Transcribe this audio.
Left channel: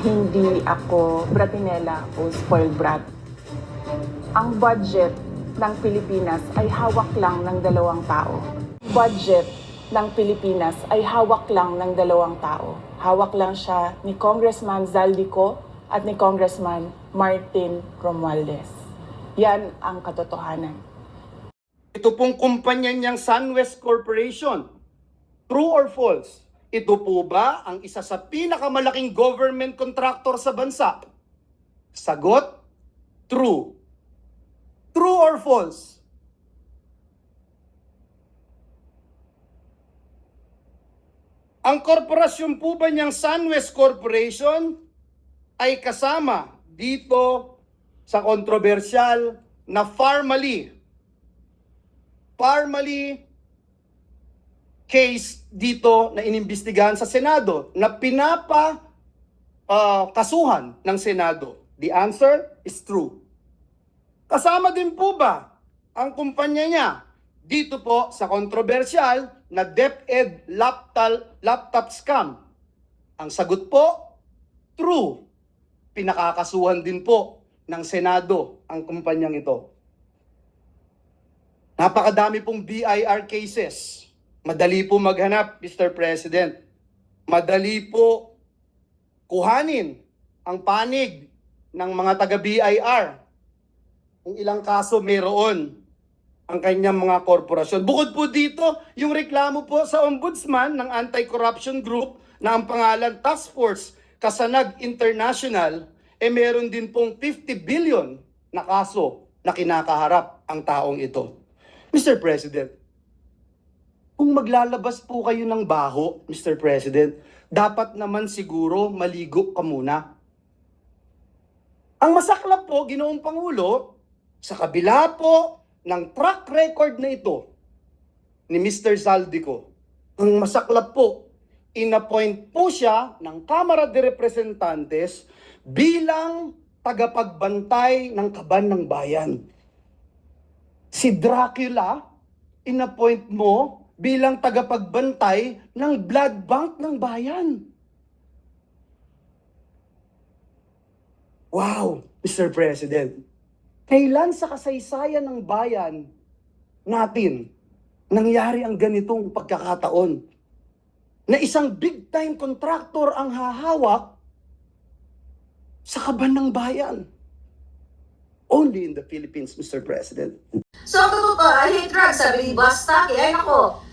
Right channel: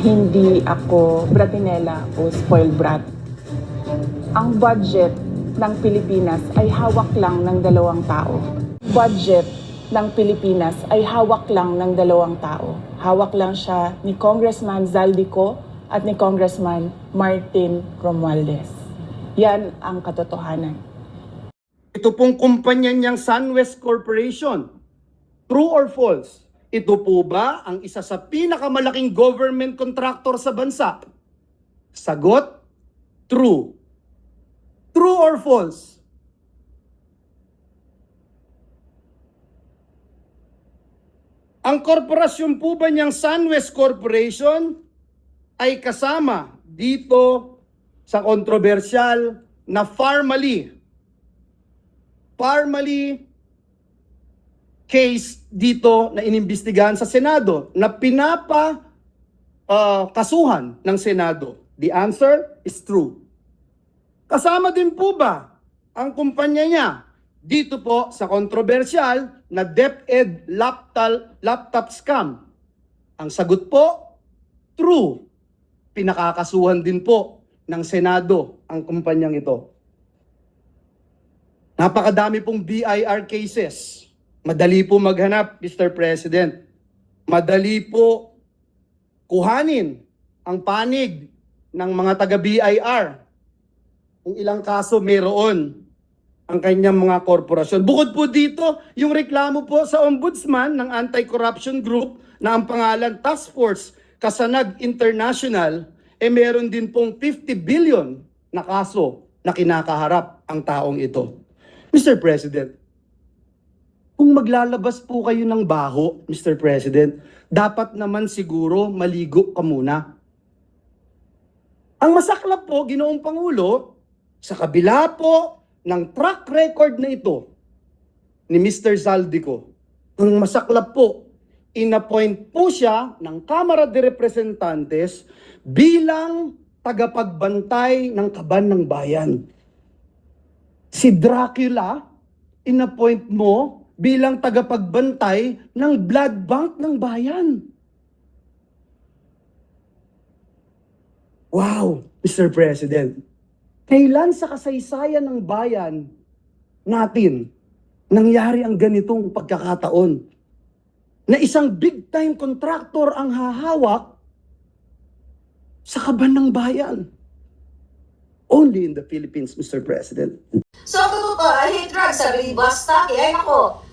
Hindi ako bratinela o spoiled brat. Ang budget ng Pilipinas ay hawak lang ng dalawang tao. Budget ng Pilipinas ay hawak lang ng dalawang tao. Hawak lang siya ni Congressman Zaldico at ni Congressman Martin Romualdez. Yan ang katotohanan. Ito pong kumpanya niyang SunWest Corporation, true or false? Ito po ba ang isa sa pinakamalaking government contractor sa bansa? Sagot, true. True or false? Ang korporasyon po ba niyang SunWest Corporation ay kasama dito sa kontrobersyal na Parmalee case dito na inimbestigahan sa Senado na kasuhan ng Senado? The answer is true. Kasama din po ba ang kumpanya niya dito po sa kontrobersyal na DepEd laptop scam? Ang sagot po, true. Pinakakasuhan din po ng Senado ang kumpanyang ito. Napakadami pong BIR cases. Madali po maghanap, Mr. President. Madali po kuhanin ang panig ng mga taga-BIR. Kung ilang kaso mayroon ang kanyang mga korporasyon. Bukod po dito, yung reklamo po sa Ombudsman ng Anti-Corruption Group na ang pangalan Task Force Kasanag International, meron din pong 50 billion na kaso na kinakaharap ang taong ito. Mr. President, kung maglalabas po kayo ng baho, Mr. President, dapat naman siguro maligo ka muna. Ang masaklap po, Ginoong Pangulo, sa kabila po ng track record na ito ni Mr. Zaldico, ang masaklap po, inappoint po siya ng Kamara de Representantes bilang tagapagbantay ng kaban ng bayan. Si Dracula, inappoint mo bilang tagapagbantay ng blood bank ng bayan. Wow, Mr. President. Kailan sa kasaysayan ng bayan natin nangyari ang ganitong pagkakataon na isang big-time contractor ang hahawak sa kaban ng bayan? Only in the Philippines, Mr. President. So, ang totoo, I hate drugs, sabi ni Boss Taki. Ay, nako,